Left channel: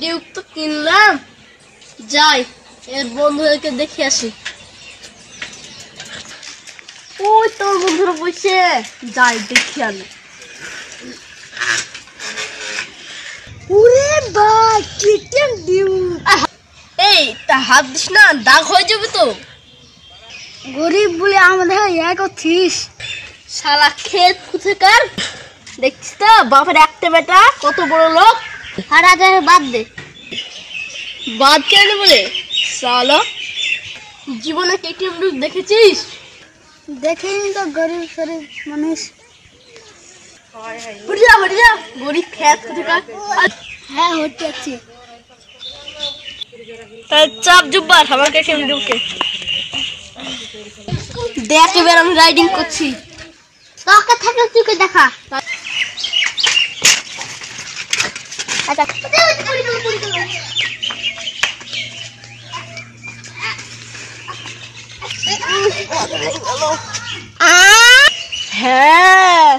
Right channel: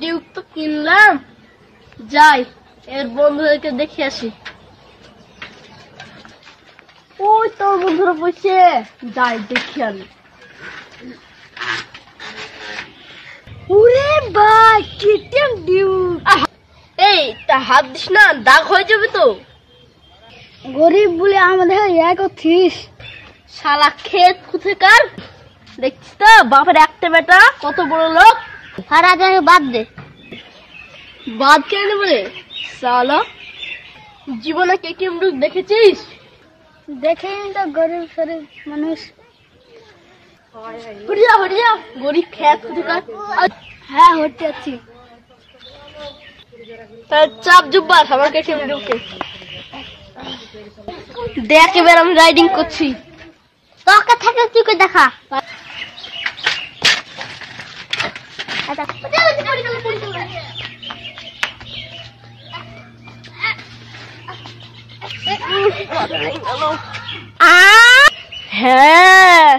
Duke তো কিনলাম, যাই এর বন্ধুদেরকে দেখে আসি। ওই তোর বন্ধুরা বসে, যাই দেখি আমি। ওরে ভাই কেটিএম ডিউক। এই তা হাত দিস না, দাগ হয়ে যাবে তো। গরিব বলে আমাদের এক করছিস। শালা ক্ষেত কোথাকার, দেখছিস তো বাপের একটা বেটা কত বড় লোক। আর আজ বাদ দে। বাদ কেন বলে শালা, জীবনে কেটিএম ডিউক দেখেছিস? দেখেনি তো, গরিব শরীর মানুষ। হটে যা গরিব ক্ষেত কোথাকার। হ্যাঁ হতে যাচ্ছি। চাপ জুব্বার আমার কেটিএম ডিউকে দেখ, এবার আমি রাইডিং করছি। তোকে থাকলে তুই কে দেখা। আচ্ছা হ্যাঁ